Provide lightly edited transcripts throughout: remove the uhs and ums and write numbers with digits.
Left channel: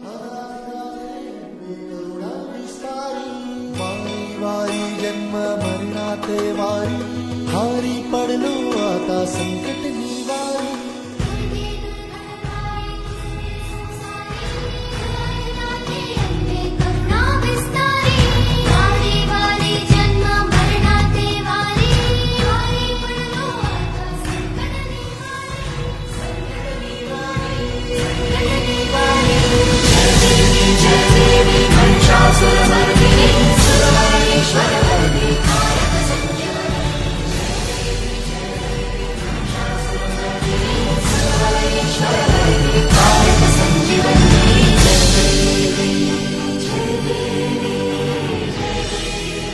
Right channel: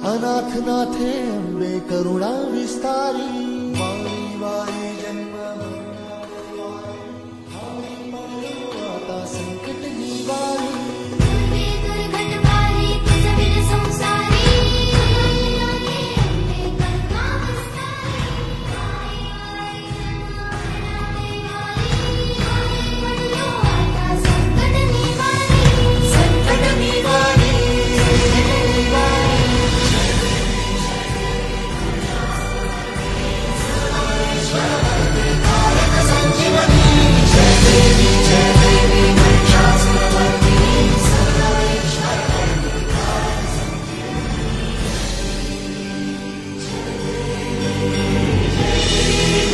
अनाथ नाथे अंबे करुणा विस्तारी, वारी वारी जन्म मरणाते वारी, हारी पडलो आता संकट निवारी. दुर्गे दुर्गतकारी तुझविल संसारी, अनाथे अंबे करुणा विस्तारी, वारी वारी जन्म मरणाते वारी, हारी पडलो आता संकट निवारी. संकट निवारी, संकट निवारी. जय देवी महिषासुरमर्दिनी, सर्वेश्वरमर्दिनी, कारक संजीवनी. जय देवी महिषासुरमर्दिनी, सर्वेश्वरमर्दिनी, कारक संजीवनी. जय देवी, जय देवी, जय देवी.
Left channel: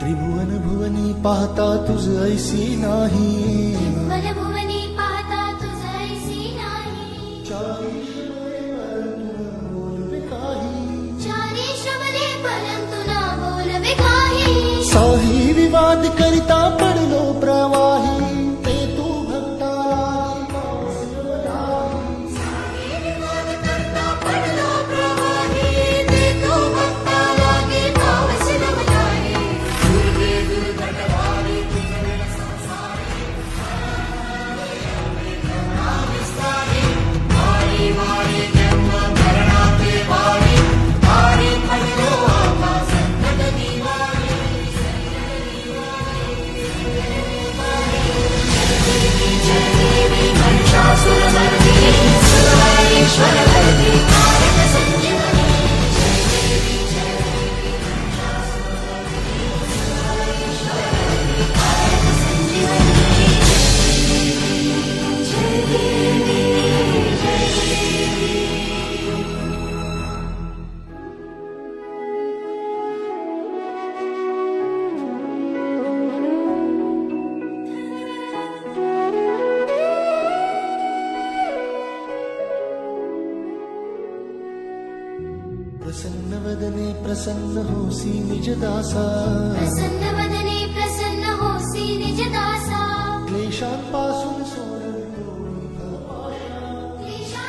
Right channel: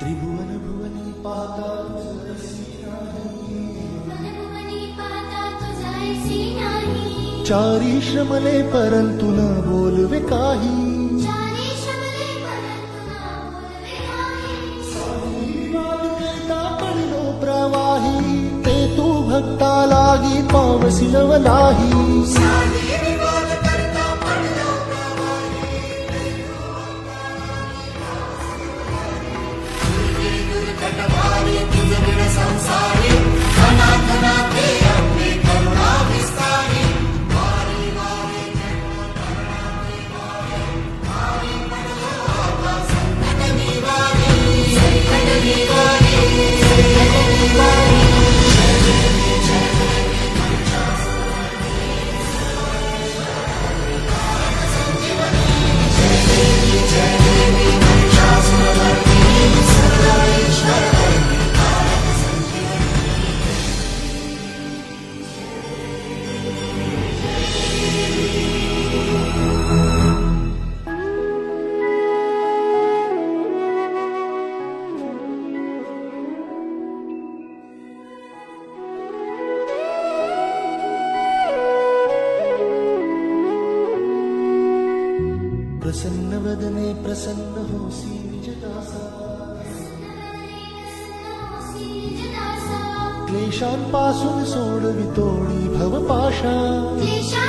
त्रिभुवन भुवनी पाहता तुझ ऐसी नाही, मनभुवनी पाहता तुझ ऐसी नाही. चारी श्रमले परंतु न बोलवे काही, चारी श्रमले परंतु न बोलवे काही. साही विवाद करिता पडलो प्रवाही, ते तू भक्ता लागी पावसी नवलाही. साधी विवाद करता पडलो प्रवाही, ते तू भक्ता लागे पावस नवलाही. दुर्गे दुर्गतकारी तुझविल संसारी, अनाथ नाथे अंबे करुणा विस्तारी, वारी वारी जन्म मरणाते वारी, हारी पडलो आता संकट निवारी. संकट निवारी, संकट निवारी. जय देवी महिषासुरमर्दिनी, सर्वेश्वरमर्दिनी, कारक संजीवनी. जय देवी महिषासुरमर्दिनी, सर्वेश्वरमर्दिनी, कारक संजीवनी. जय देवी, जय देवी. प्रसन्न वदने प्रसन्न होसी निज दासा, प्रसन्न वदने प्रसन्न होसी निज दासा. क्लेशांपासून सोडवितोडी भवपाशा. क्लेशा